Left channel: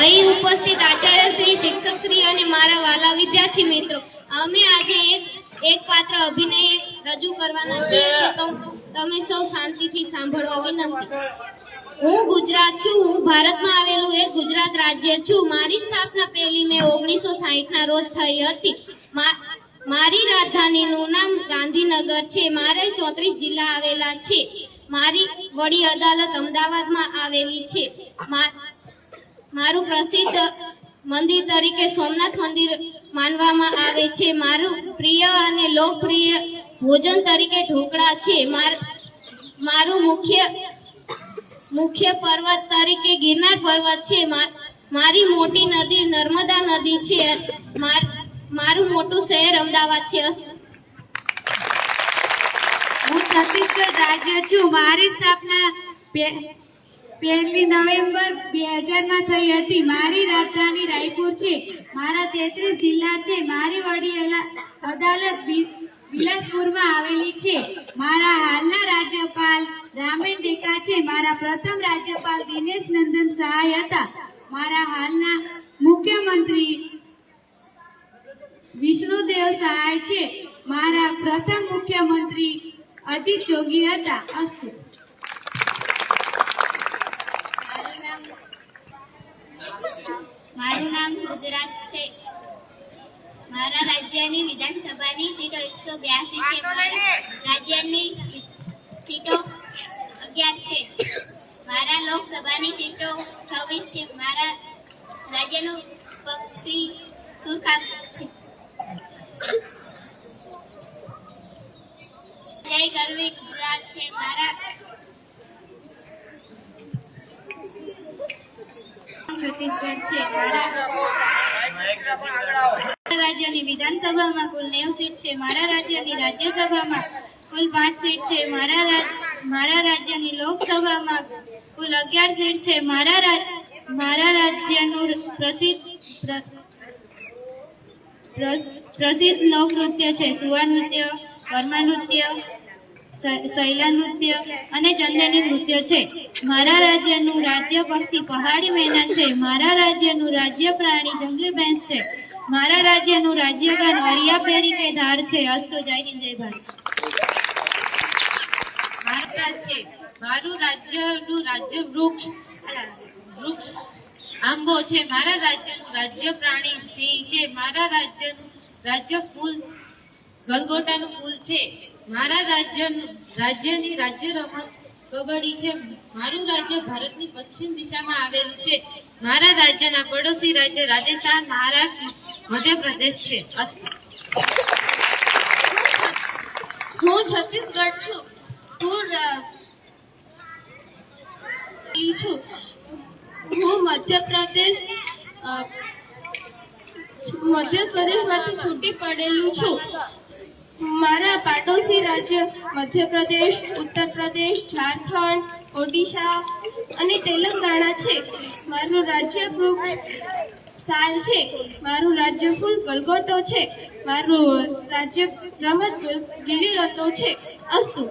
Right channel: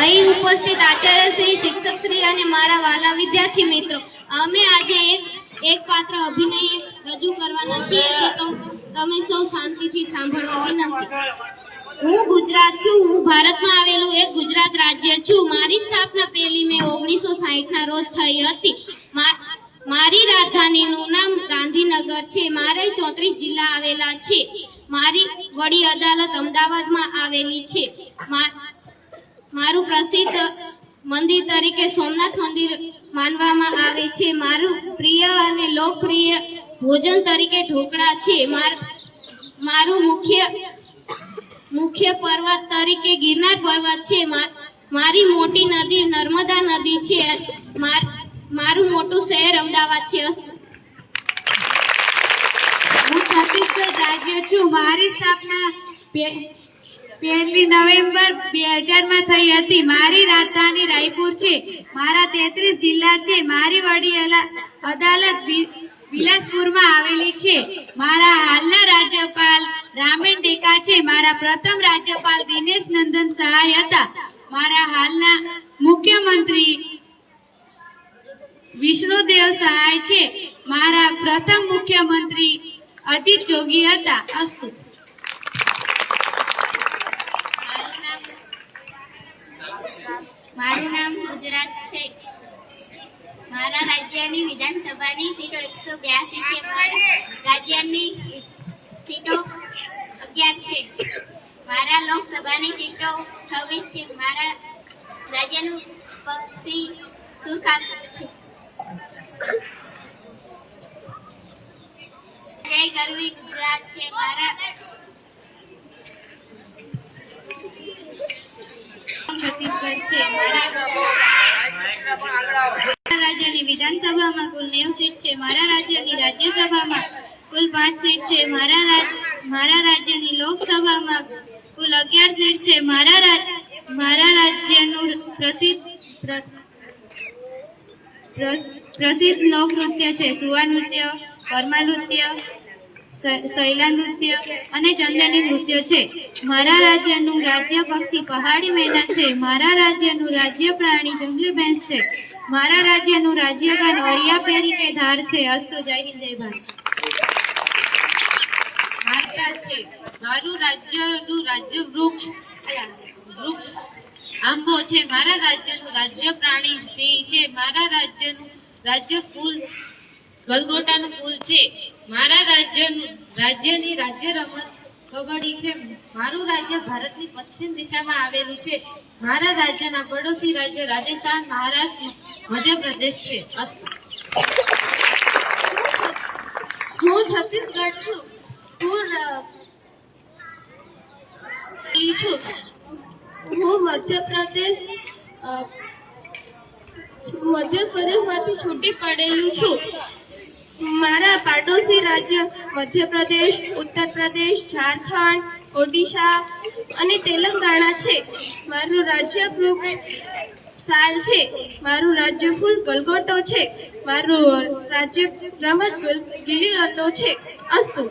અહીં ઉપસ્થિત આચાર્ય શ્રી, શિક્ષક શ્રી અને મારા વાલા વિદ્યાર્થી મિત્રો, અમે આજે એક પાત્ર અભિનય રજૂ કરવાના છીએ તો તમે સૌ શાંતિથી સાંભળવા વિનંતી. હું ગુજરાત છું. હું ભારતમાં આવેલું એક ગુજરાત રાજ્ય છું. મારી સ્થાપના 1 મે 1960 ના રોજ થઈ હતી. મારી રાજધાનીનું નામ ગાંધીનગર છે. મારે 34 જિલ્લા આવેલા છે. મારી વડી અદાલત અમદાવાદમાં આવેલી છે. મારું પ્રસિદ્ધ મંદિર તરીકે સોમનાથ મંદિર માનવામાં આવે છે. મારું પ્રિય અને લોકપ્રિય ભોજન તરીકે ઢોકળા છે. મારું મુખ્ય પર્વત તરીકે ગિરનાર પર્વત છે. મારી મોટી નદી નર્મદા નદી છે. મારું મોટું શહેર અમદાવાદ છે. હું છત્તીસગઢ રાજ્ય છું. મારી સ્થાપના 1 નવેમ્બર 2000 માં થઈ હતી. મારી રાજધાની રાયપુર છે. મારા 33 જિલ્લા છે. મારી વડી અદાલત બિલાસપુરમાં આવેલી છે. મારા હાલના રાજ્યપાલ રામેન ડેકા છે. મારા પ્રથમ રાજ્યપાલ દિનેશ નંદન સહાય હતા. મારા હાલના મુખ્યમંત્રી વિષ્ણુદેવ સહાય છે. મારા પ્રથમ મુખ્યમંત્રી અજીત જોગી હતા. અસ્તુ. મારું નામ ગુજરાત છે. મારા રાજ્યની વિધાનસભાની સીટો 182 છે. મારા રાજ્યની સીટો 11 છે. મારા લોકસભાની સીટો 26 છે. મારા રાજ્યનું પક્ષી સુરખાબ છે. જય ગરવી ગુજરાત છે. મારા છત્તીસગઢ છે. મારા રાજ્યની વિધાનસભામાં કુલ 90 સીટ છે. મારા રાજ્યની રાજ્યસભામાં કુલ 5 સીટ છે. મારા રાજ્યની લોકસભામાં કુલ 11 સીટ છે. મારા રાજ્યનું પ્રસિદ્ધ લોકનૃત્ય છે સુવા નૃત્ય, કર્મા નૃત્ય, શૈલા નૃત્ય અને ચંદેલી નૃત્ય છે. મારા રાજ્યનું રાજ્ય પક્ષી પહાડી મેના છે. મારા રાજ્યનું રાજ્ય પ્રાણી જંગલી ભેંસ છે. મારા રાજ્યનું રાજ્ય ગાન અરિયા પેરી કે ધાર છે. અસ્તુ. જય હિન્દ, જય ભારત. છે. મારું રાજ્યનું રાજ્ય વૃક્ષ આંબો છે. મારા રાજ્યનું રાજ્ય પ્રાણી સિંહ છે. મારા રાજ્યનું રાજ્ય ફૂલ ગલગોટાનું ફૂલ છે. મારા રાજ્યની રાજ્ય રમત કબડ્ડી છે. મારું રાજ્ય ભારતની પશ્ચિમ દિશામાં આવેલું છે. મારા રાજ્યના પડોશી રાજ્ય રાજસ્થાન, મહારાષ્ટ્ર, મધ્યપ્રદેશ છે. હું છત્તીસગઢ છું. હું મધ્યપ્રદેશમાંથી છૂટી પડેલું છું. મારા પાડોશી રાજ્ય મધ્યપ્રદેશ, ઉત્તર પ્રદેશ, ઝારખંડ, ઓડિશા અને તેલંગાણા છે. મારું રાજ્ય વૃક્ષ સાલ છે. મારું રાજ્ય ફૂલ ગલગોટો છે. મારું રાજ્ય રમત ગિલ્લી દંડો છે. અસ્તુ.